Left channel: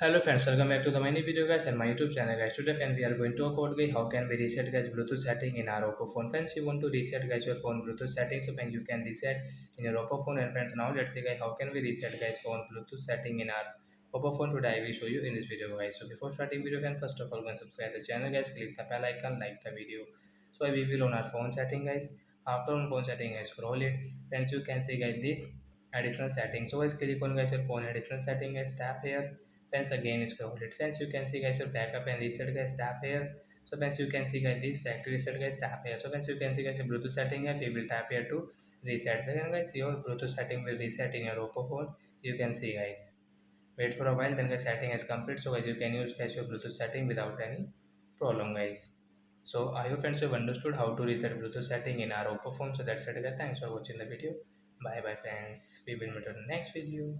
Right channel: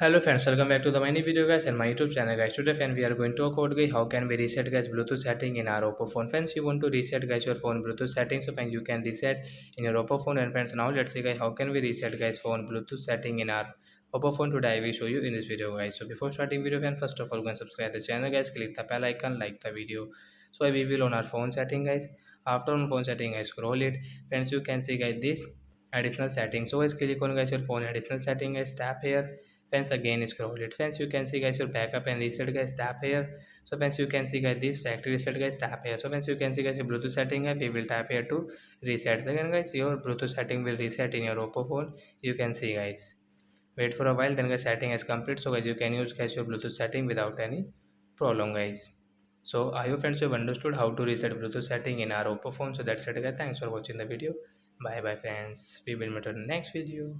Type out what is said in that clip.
Hello friends, welcome back to the mini video guys and my YouTube channel guys. Today friend we are going to talk about guys how can we reset guys Bluetooth setting in our Oppo phone. Friends, you want to reset guys your phone Bluetooth settings, so friends you can reset in your Oppo phone. And friends, now let's see guys how can we reset guys phone Bluetooth setting in our Oppo phone. Today I will show you in this video guys. So before starting video friends, first of all go and subscribe the channel guys, click the bell icon, like the video. So I will on our phone setting guys. After on phone setting I scroll it. Friends, you can see guys this additional setting. So guys click on guys your phone additional setting guys, tap here. Friends, again scroll it. Friends, you can see guys your backup and reset guys, tap here. So friends, you can see guys this factory reset guys, tap here. So friends, you can see guys your Bluetooth setting है, we will tap here to reset. Then guys your Bluetooth setting will reset in your Oppo phone. You can see guys, wait for a while, then guys setting is complete. So guys you can use guys your Bluetooth setting without any problem guys. So I hope friends you have understood how to reset Bluetooth setting in our Oppo phone. So that's it guys, thanks for watching the video. Bye bye friends, we will meet in the next video.